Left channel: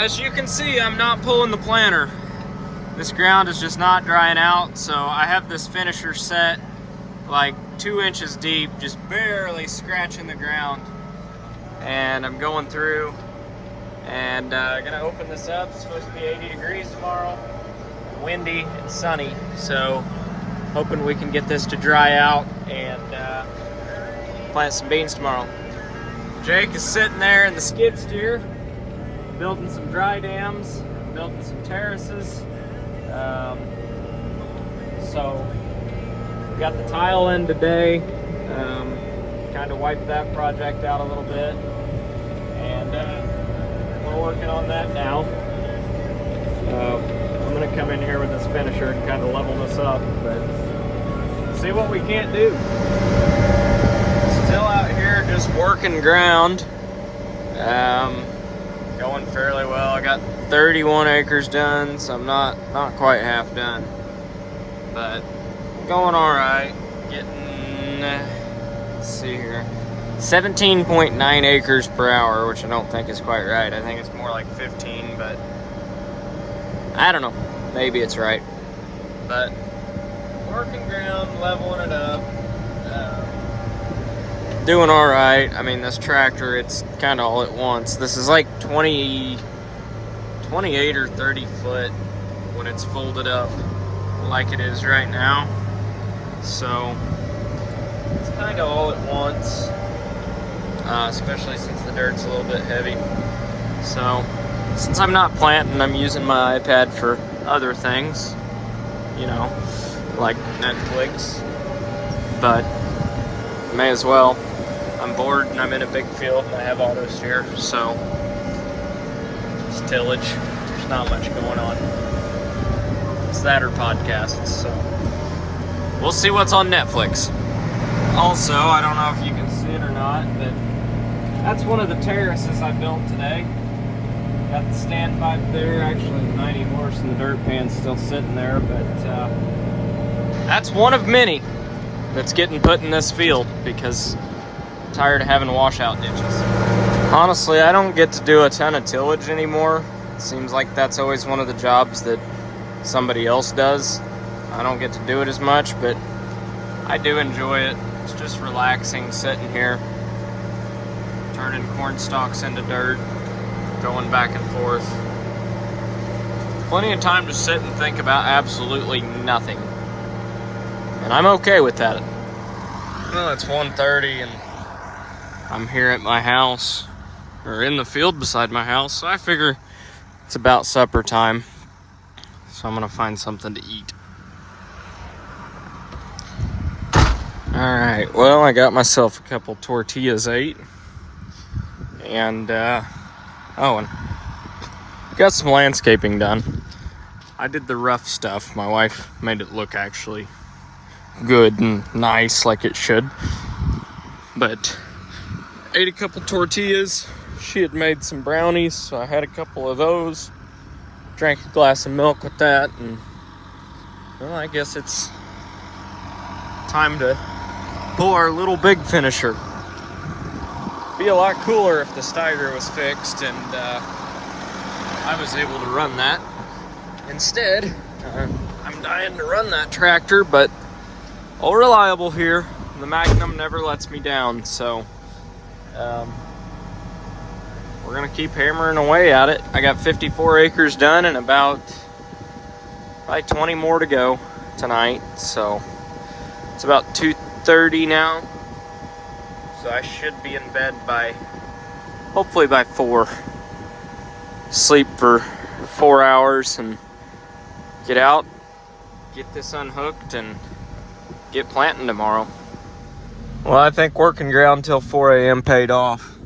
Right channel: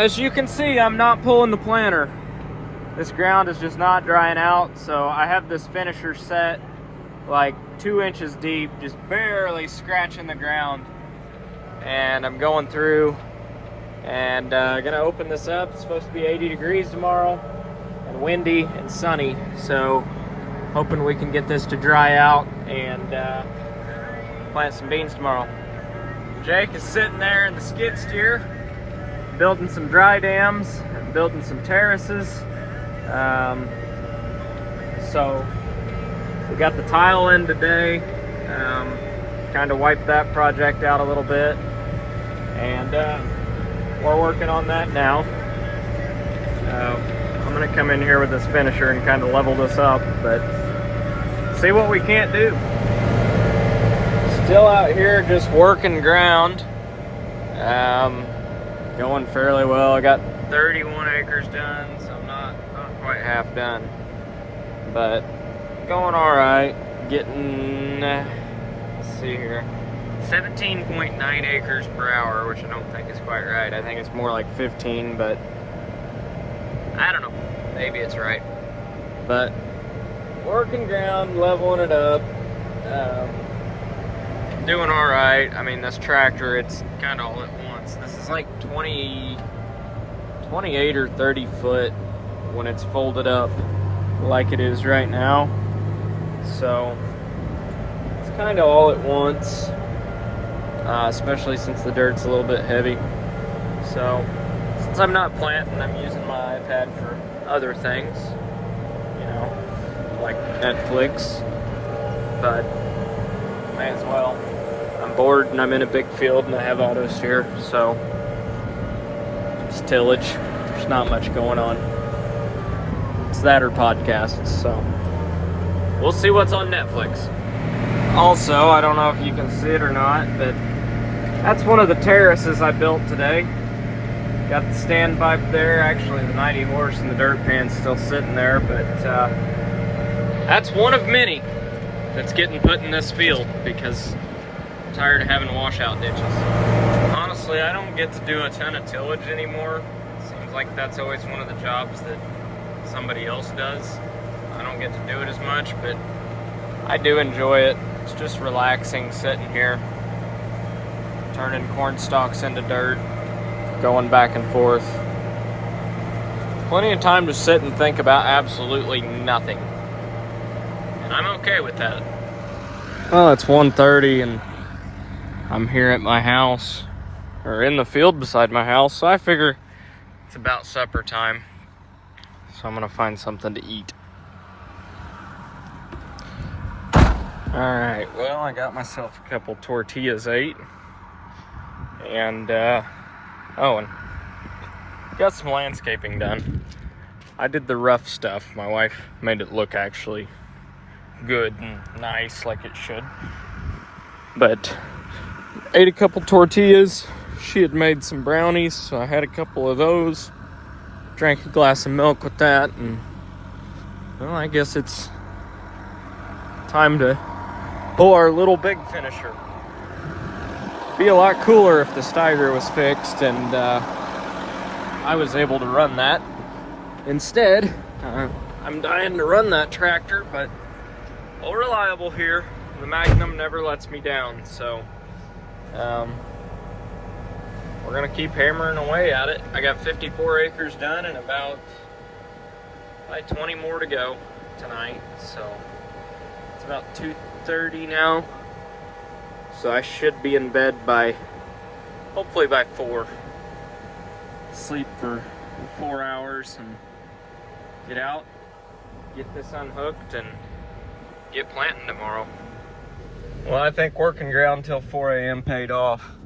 as you can see, I'm not pulling the planter. This ground is just not drying out, so I have this finisher set like 2 inches deep, just barely scratching the ground. And I'm going through and gonna open this up. It's supposed to be 80 degrees tomorrow, windy and sunny, so hoping we can get this to dry out and plant some beans tomorrow. Jake is sitting there in the skid steer, building some dry dams, building some terraces. So we got the tile in today, kind of wiped that project out a little bit, and we're working on that now. I'm gonna come in here with this finisher and kind of level this up, but see what we can't do. Still out here just working ground, going fairly well. I got 31 acres done, so I'm not quite half done, but going all right. Getting, let's see here, 17.9 acres per hour, which I don't think is quite right. I think it's more like 15, but I don't know. Maybe it's right. But working ground, leveling it up, doing all right. I mean, this tractor, it's kind of all it wants. This is like 28 or 30 foot when it's folded up like it is right now. So it's kind of all it wants, especially since the dirt's a little bit heavy. So since I'm not planting, I'm using my iPad for other things, you know, like Netflix, but may as well. I'm bored and I'm in a big field and I have almost here, so it's tillage. There's not much going on. It's that or podcasts, so we'll see what's on Netflix. Also, I don't know if you can see it or not, but that's one of the terraces I built today. Got the standpipe there. Actually, the 90 horse and the dirt pan's still sitting there, but that's one of many that's getting put in this field because I'm tired of having washout ditches. Honestly, I don't get to do a ton of tillage anymore. It seems like that's always one of the jobs that somebody else does. I don't get to do it as much, but I do enjoy it. It's just relaxing sitting here, turning corn stalks into dirt, going back and forth. Plenty of time to sit and think about absolutely nothing. And I'm okay with that. Well, it's 1:30 and I'm here at my house, or in the field beside my house, so I figure it's about supper time. So I'm gonna find something to eat. Alright, well, I got myself a couple tortillas ate. And, and got some landscaping done. I did the rough stuff. My wife made it look actually good and nice like it should. But ate a couple tortillas. She had made some brownies, so I had a couple of those. Drank a glass of milk with that. And, well, I guess it's time to pull our little big finisher. Be a lot cooler if the starter was fixed and I was able to run that. Instead, I'm dying to run that tractor, but all reliable here. The Magnum never lets me down, so we're gonna keep hammering away at it. I got 54 acres done and about probably 20 more to go tonight, so it's about 2:30 now. So I should be in bed by, hopefully by 4. Sleep for 4 hours and get out, get this unhooked and get planting tomorrow. Well, I think working ground till 4 a.m. paid off.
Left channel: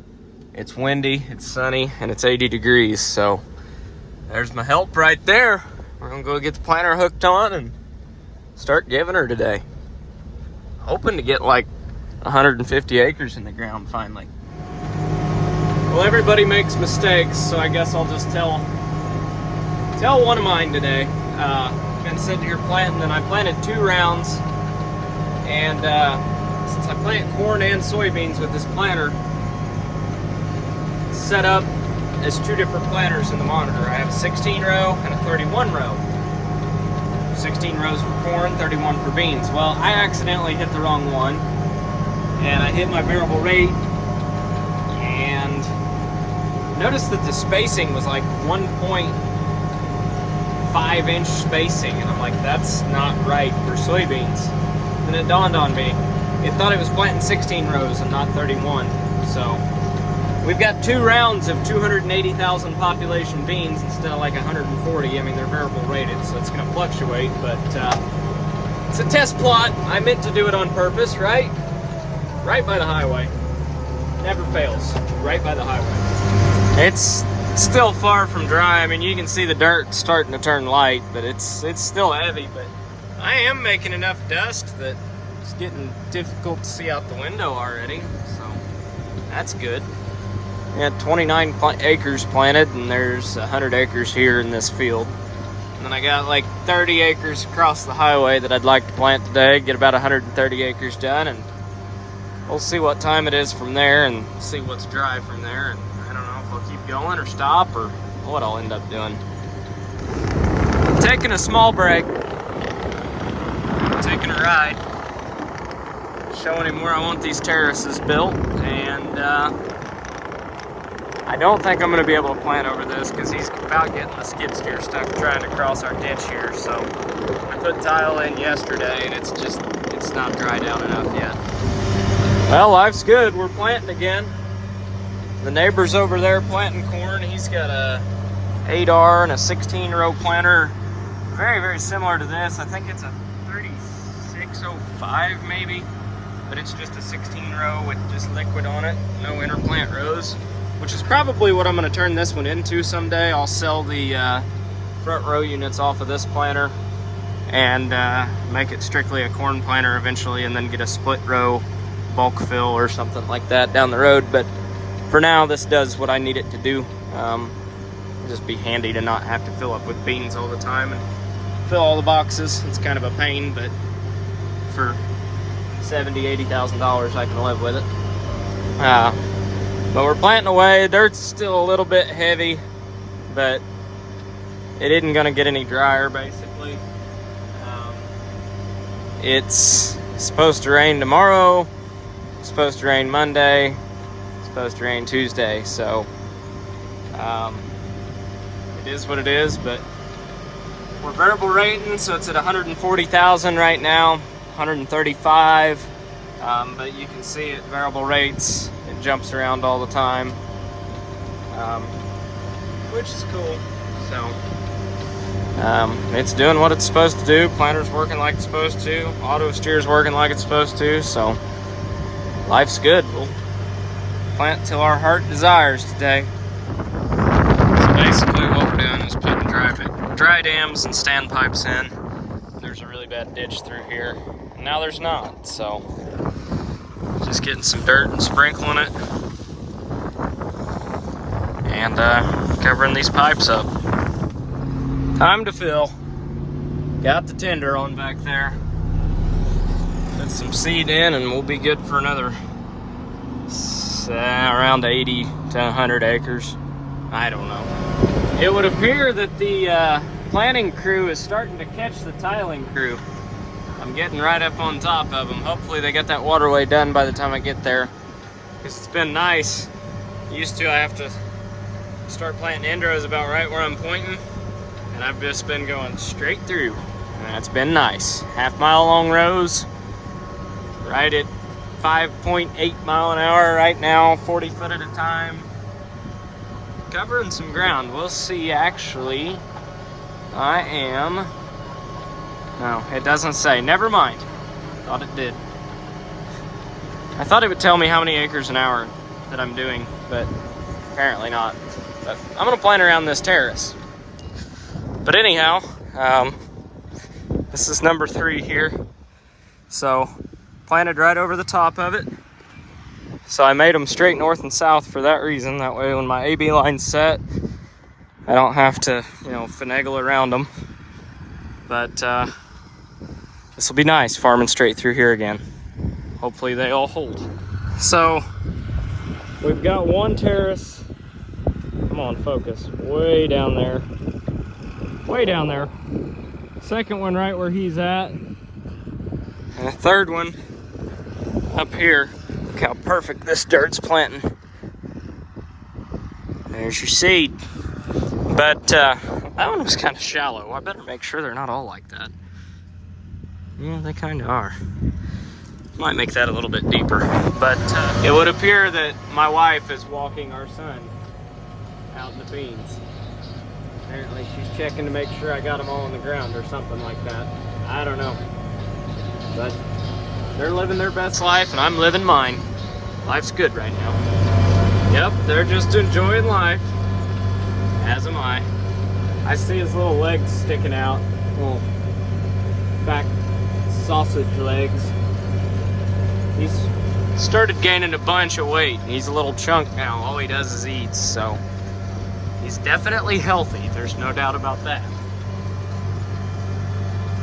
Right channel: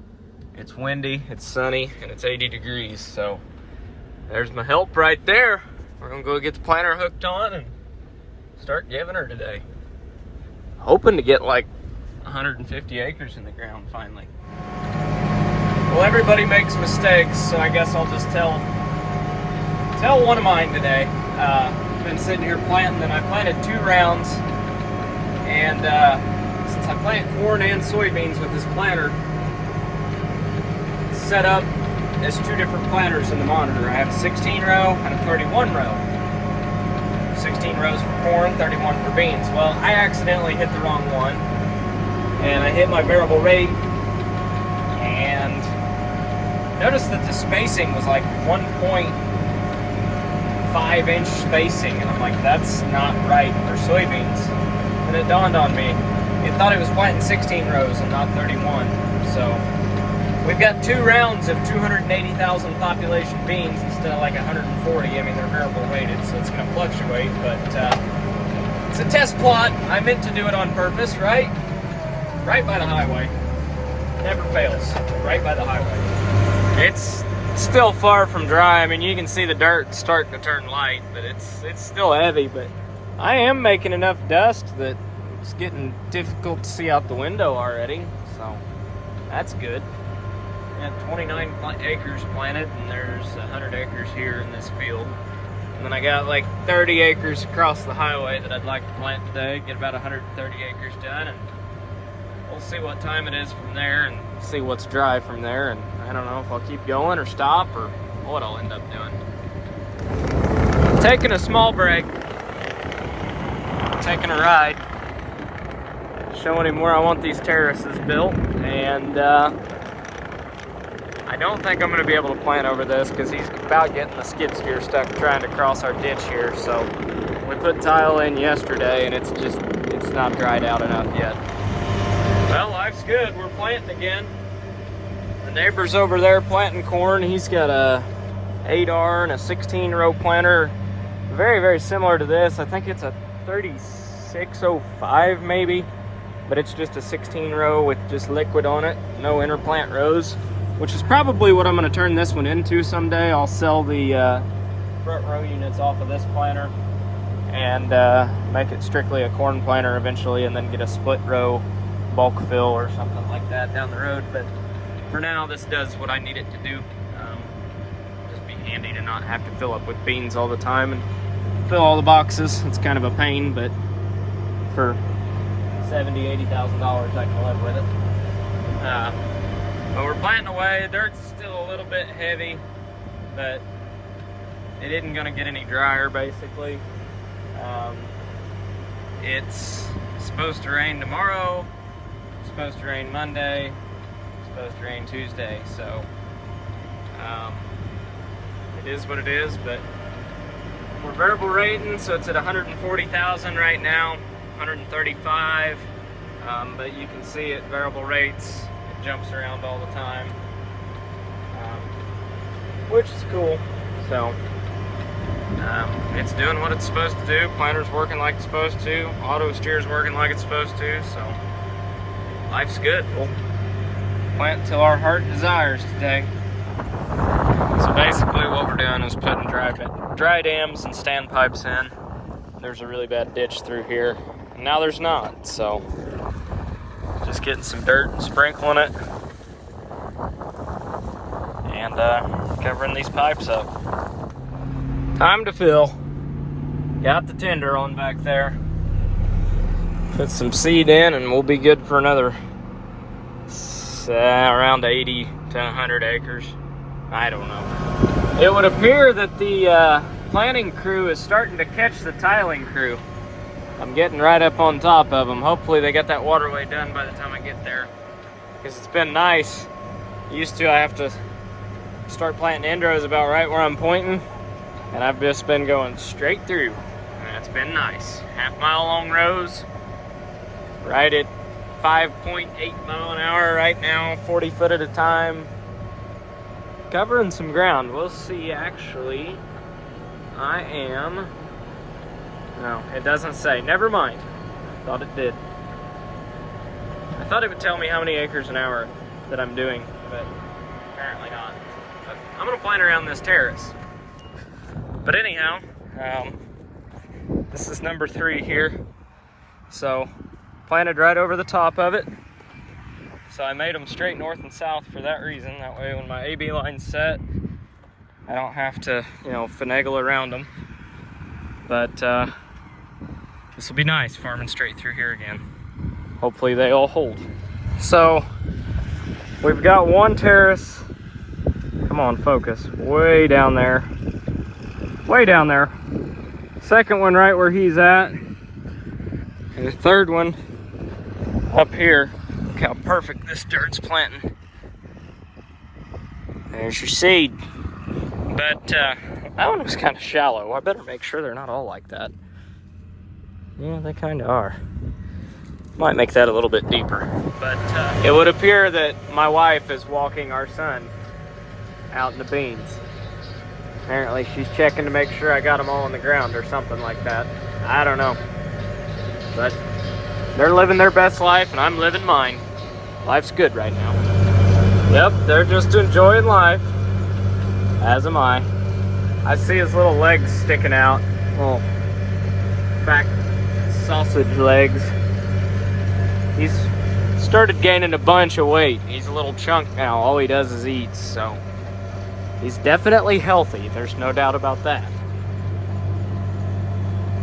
It's windy, it's sunny, and it's 80 degrees, so there's my help right there. We're gonna go get the planter hooked on and start giving her today. Hoping to get like 150 acres in the ground finally. Well, everybody makes mistakes, so I guess I'll just tell one of mine today. Been sitting here planting, and I planted 2 rounds, and since I plant corn and soybeans with this planter set up is two different planters in the monitor. I have a 16 row and a 31 row. 16 rows for corn, 31 for beans. Well, I accidentally hit the wrong one, and I hit my variable rate, and noticed that the spacing was like 1.5 inch spacing, and I'm like, that's not right for soybeans. And it dawned on me, it thought it was planting 16 rows and not 31. So we've got 2 rounds of 280,000 population beans instead of like 140. I mean, they're variable rated, so it's going to fluctuate, but it's a test plot. I meant to do it on purpose, right? Right by the highway. Never fails. Right by the highway. It's still far from dry. I mean, you can see the dirt starting to turn light, but it's still heavy. But I am making enough dust that it's getting difficult to see out the window already, so that's good. We had 29 acres planted, and there's 100 acres here in this field. And then I got like 30 acres across the highway that I'd like to plant today, get about 130 acres done, and we'll see what time it is from there and see what's dry from there. And I don't know if I'll keep going or stop or what I'll end up doing. Taking a small break, taking a ride, showing him where I want these terraces built, and I don't think I'm going to be able to plant over this because he's about getting the skid steer stuck trying to cross our ditch here. So we put tile in yesterday, and it's not dried out enough yet. Well, life's good. We're planting again. The neighbor's over there planting corn. He's got a 8R and a 16-row planter, very, very similar to this. I think it's a 3605 maybe, but it's just a 16-row with just liquid on it, no interplant rows, which is probably what I'm going to turn this one into someday. I'll sell the front row units off of this planter and make it strictly a corn planter eventually, and then get a split row bulk fill or something like that down the road. But for now, this does what I need it to do. Just be handy to not have to fill up with beans all the time and fill all the boxes. It's kind of a pain, but for $70,000, $80,000 I can live with it. But we're planting away. Dirt's still a little bit heavy, but it isn't gonna get any drier basically. It's supposed to rain tomorrow, it's supposed to rain Monday, it's supposed to rain Tuesday, so it is what it is. But we're variable rating, so it's at 140,000 right now, 135, but you can see at variable rates it jumps around all the time, which is cool. So it's doing what it's supposed to do. Planter's working like it's supposed to, auto steer's working like it's supposed to, so life's good. We'll plant till our heart desires today. So basically what we're doing is putting dry dams and standpipes in. There's a really bad ditch through here. Now there's not, so just getting some dirt and sprinkling it and covering these pipes up. Time to fill. Got the tender on back there. Put some seed in and we'll be good for another around 80 to 100 acres. I don't know. It would appear that the planting crew is starting to catch the tiling crew. I'm getting right up on top of them. Hopefully they get that waterway done by the time I get there, because it's been nice. Used to I have to start planting endrows about right where I'm pointing, and I've just been going straight through, and that's been nice. half-mile long rows, right at 5.8 mile an hour right now, 40 foot at a time. Covering some ground. We'll see. Actually, I am... No, it doesn't say. Never mind. Thought it did. I thought it would tell me how many acres an hour that I'm doing, but apparently not. But I'm gonna plant around this terrace. But anyhow, this is number 3 here. So, planted right over the top of it. So I made them straight north and south for that reason. That way when my AB line's set, I don't have to, finagle around them. But this will be nice, farming straight through here again. Hopefully they all hold. So we've got one terrace Come on, focus. Way down there. Way down there. Second one right where he's at. And the third one up here. Look how perfect this dirt's planting. There's your seed. But that one was kind of shallow. I better make sure they're not all like that. Yeah, they kind of are. Might make that a little bit deeper. But it would appear that my wife is walking our son out in the beans. Apparently she's checking to make sure I got them all on the ground or something like that. I don't know. But they're living their best life and I'm living mine. Life's good right now. Yep, they're just enjoying life. As am I. I see his little legs sticking out. Little back sausage legs. He's started gaining a bunch of weight. He's a little chunk now. All he does is eats, so he's definitely healthy. There's no doubt about that.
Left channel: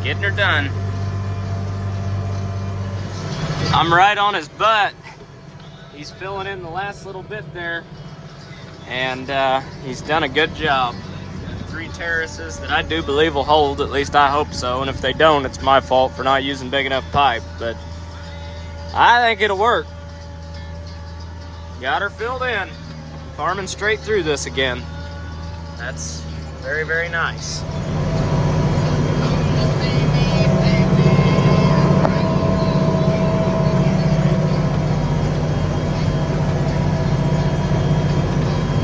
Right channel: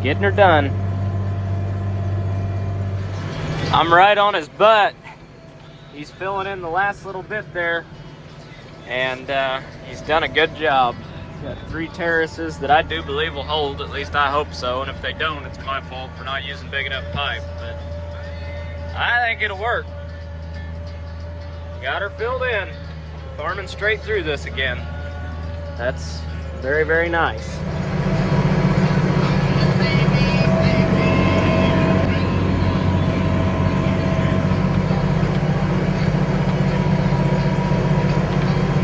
Getting her done. I'm right on his butt. He's filling in the last little bit there, and he's done a good job. Got 3 terraces that I do believe will hold, at least I hope so, and if they don't, it's my fault for not using big enough pipe, but I think it'll work. Got her filled in. Farming straight through this again. That's very, very nice.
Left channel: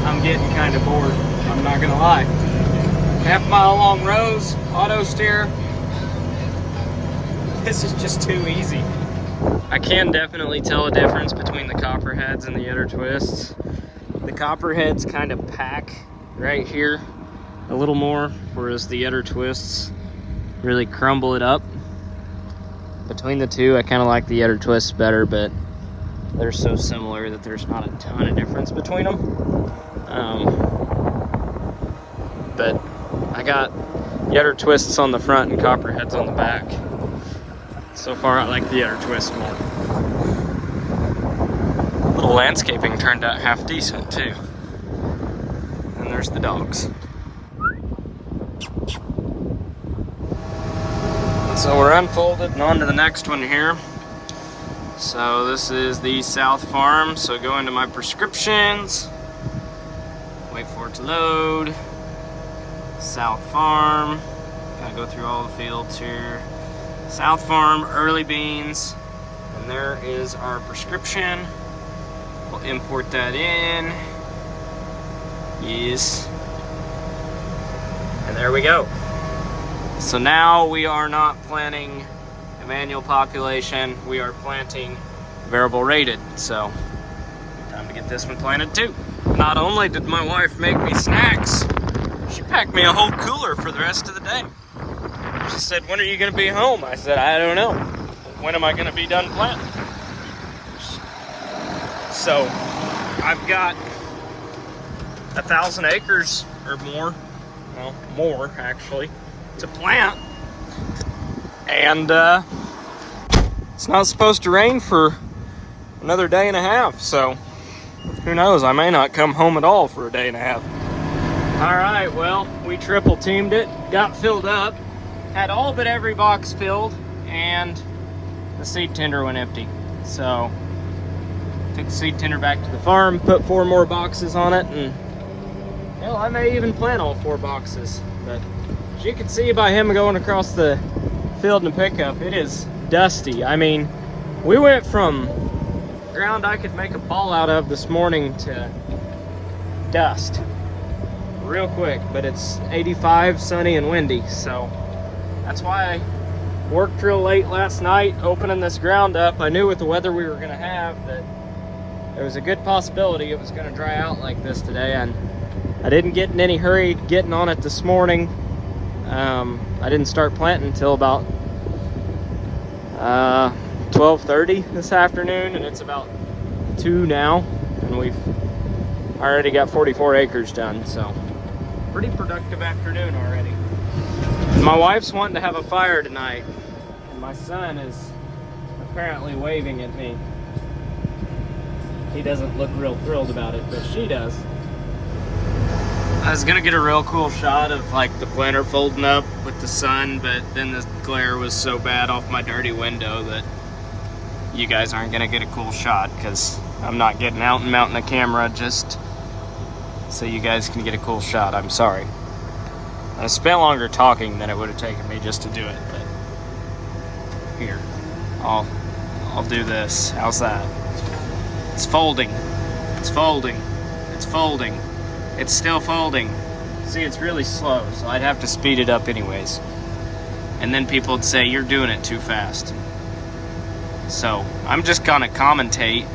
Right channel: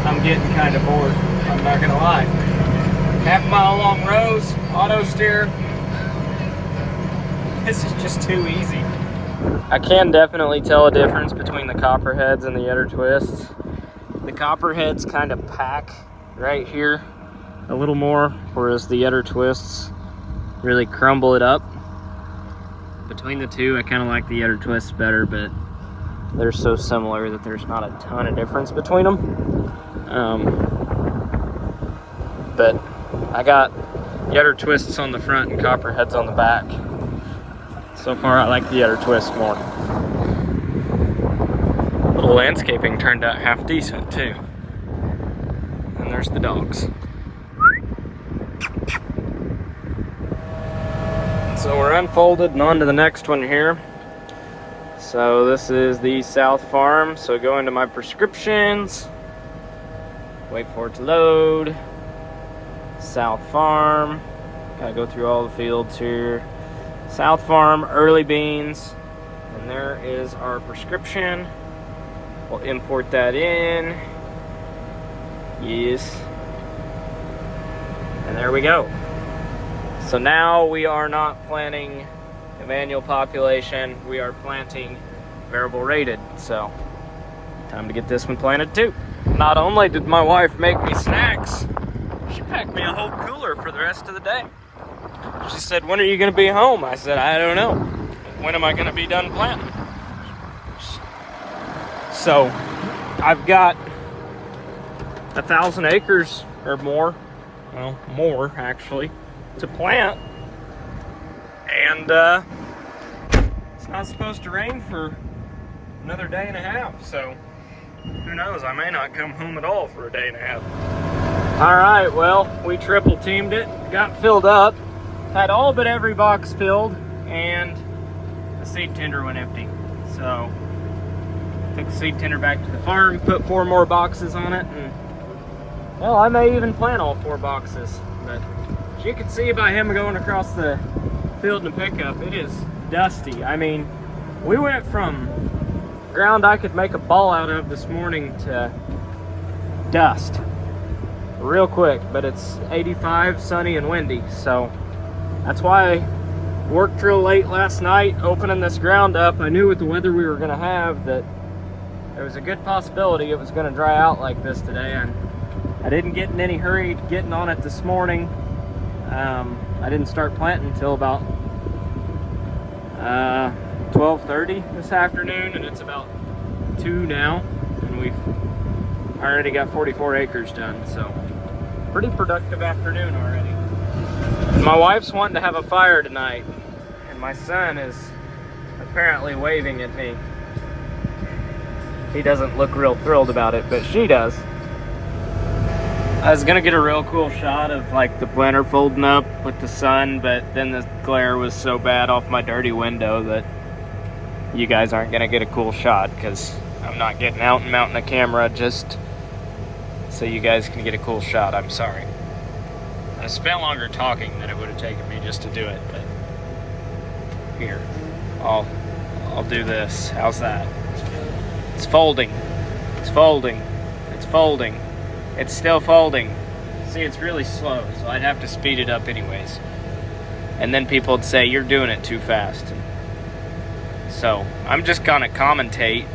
I'm getting kind of bored, I'm not gonna lie. Half-mile long rows, auto steer. This is just too easy. I can definitely tell a difference between the copperheads and the udder twists. The copperheads kind of pack right here a little more, whereas the udder twists really crumble it up. Between the two, I kind of like the udder twists better, but they're so similar that there's not a ton of difference between them. But I got udder twists on the front and copperheads on the back. So far, I like the udder twist more. Little landscaping turned out half decent too. And there's the dogs. So we're unfolded and on to the next one here. So this is the South Farm. So go into my prescriptions. Wait for it to load. South Farm. Gotta go through all the fields here. South Farm, early beans. And there is our prescription. We'll import that in. Yes. And there we go. So now we are not planting a manual population. We are planting variable rated. So time to get this one planted too. Not only did my wife make me snacks, she packed me a whole cooler for the rest of the day. She said, when are you going to be home? I said, I don't know. When am I going to be done planting? So I've got 1,000 acres or more, well, more actually, to plant. And it's not supposed to rain for another day and a half. So who knows? I may not come home at all for a day and a half. All right, well, we triple teamed it, got filled up. Had all but every box filled, and the seed tender went empty. So, took the seed tender back to the farm, put 4 more boxes on it, and, well, I may even plant all 4 boxes. But as you can see by him going across the field in a pickup, it is dusty. I mean, we went from ground I could make a ball out of this morning to dust real quick, but it's 85, sunny, and windy, so that's why I worked real late last night opening this ground up. I knew with the weather we were going to have that there was a good possibility it was going to dry out like this today, and I didn't get in any hurry getting on it this morning. I didn't start planting until about 12:30 this afternoon, and it's about 2 now, and we've already got 44 acres done, so pretty productive afternoon already. My wife's wanting to have a fire tonight, and my son is apparently waving at me. He doesn't look real thrilled about it, but she does. I was gonna get a real cool shot of like the planter folding up with the sun, but then the glare was so bad off my dirty window that you guys aren't gonna get a cool shot, because I'm not getting out and mounting a camera just so you guys can get a cool shot. I'm sorry. I spent longer talking than it would have taken me just to do it, but here, I'll do this. How's that? It's folding. It's folding. It's folding. It's still folding. See, it's really slow, so I'd have to speed it up anyways. And then people would say, you're doing it too fast. So, I'm just gonna commentate,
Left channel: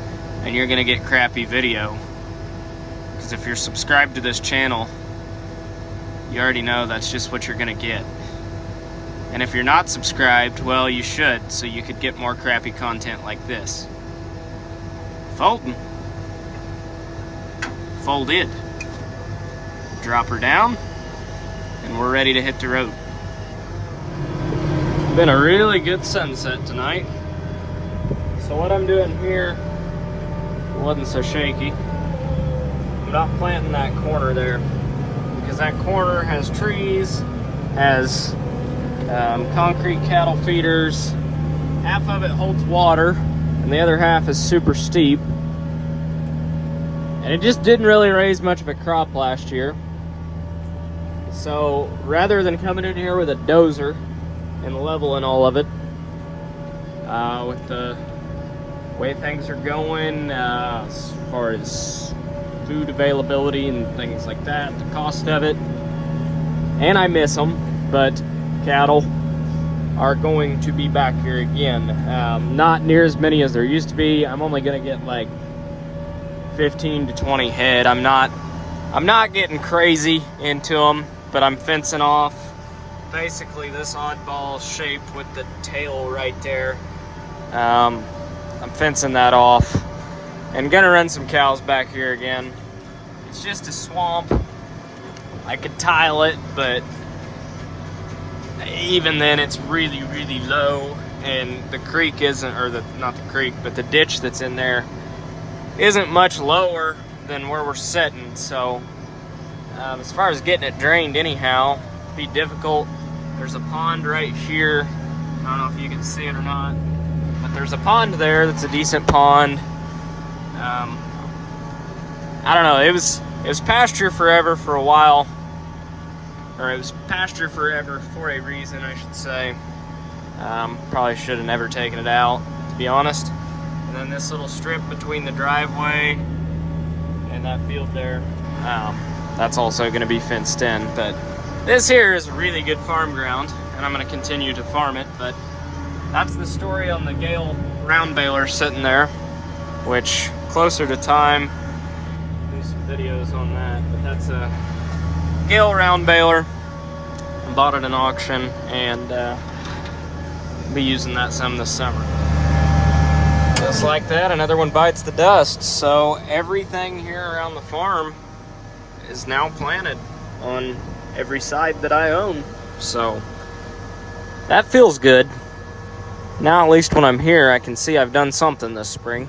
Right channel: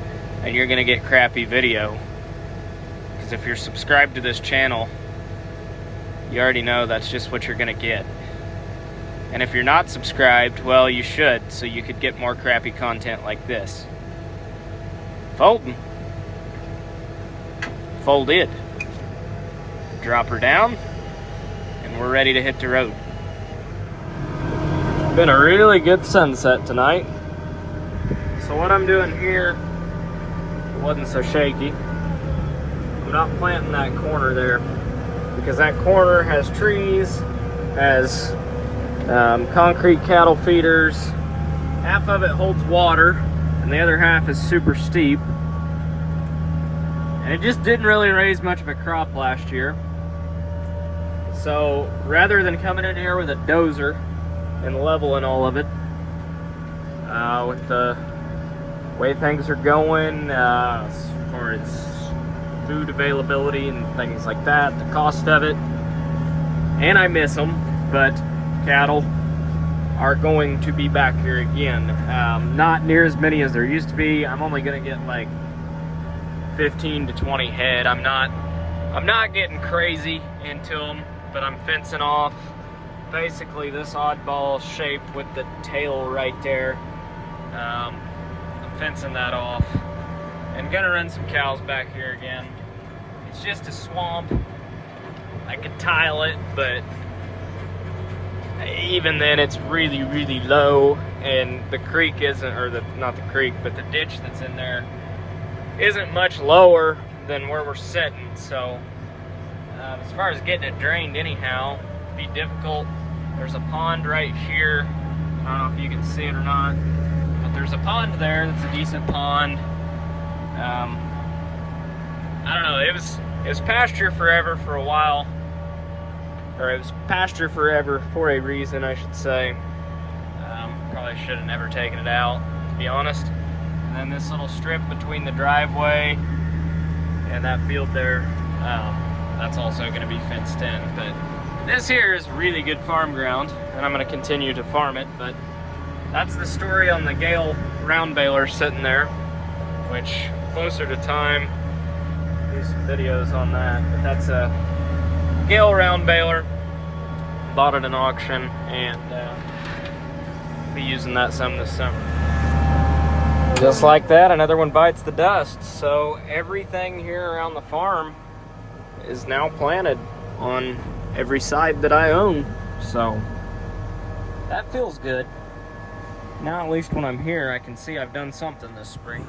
and you're gonna get crappy video. Because if you're subscribed to this channel, you already know that's just what you're gonna get. And if you're not subscribed, well, you should, so you could get more crappy content like this. Folding. Folded. Drop her down, and we're ready to hit the road. Been a really good sunset tonight. So what I'm doing here wasn't so shaky. I'm not planting that corner there, because that corner has trees, has concrete cattle feeders. Half of it holds water, and the other half is super steep. And it just didn't really raise much of a crop last year. So rather than coming in here with a dozer and leveling all of it, with the way things are going, as far as food availability and things like that, the cost of it, and I miss them, but cattle are going to be back here again. Not near as many as there used to be. I'm only gonna get like 15 to 20 head. I'm not getting crazy into them, but I'm fencing off basically this oddball shape with the tail right there. I'm fencing that off and gonna run some cows back here again. It's just a swamp. I could tile it, but even then it's really, really low, and the creek isn't, or not the creek, but the ditch that's in there isn't much lower than where we're sitting. So as far as getting it drained anyhow, it'd be difficult. There's a pond right here. I don't know if you can see it or not, but there's a pond there that's a decent pond. I don't know, it was pasture forever for a while, or it was pasture forever for a reason, I should say. Probably should have never taken it out, to be honest. And then this little strip between the driveway and that field there, that's also going to be fenced in. But this here is really good farm ground, and I'm going to continue to farm it. But that's the story on the Gale round baler sitting there, which closer to time, do some videos on that. But that's a Gale round baler. I bought it at an auction, and be using that some this summer. Just like that, another one bites the dust. So everything here around the farm is now planted on every side that I own. So that feels good. Now at least when I'm here, I can see I've done something this spring.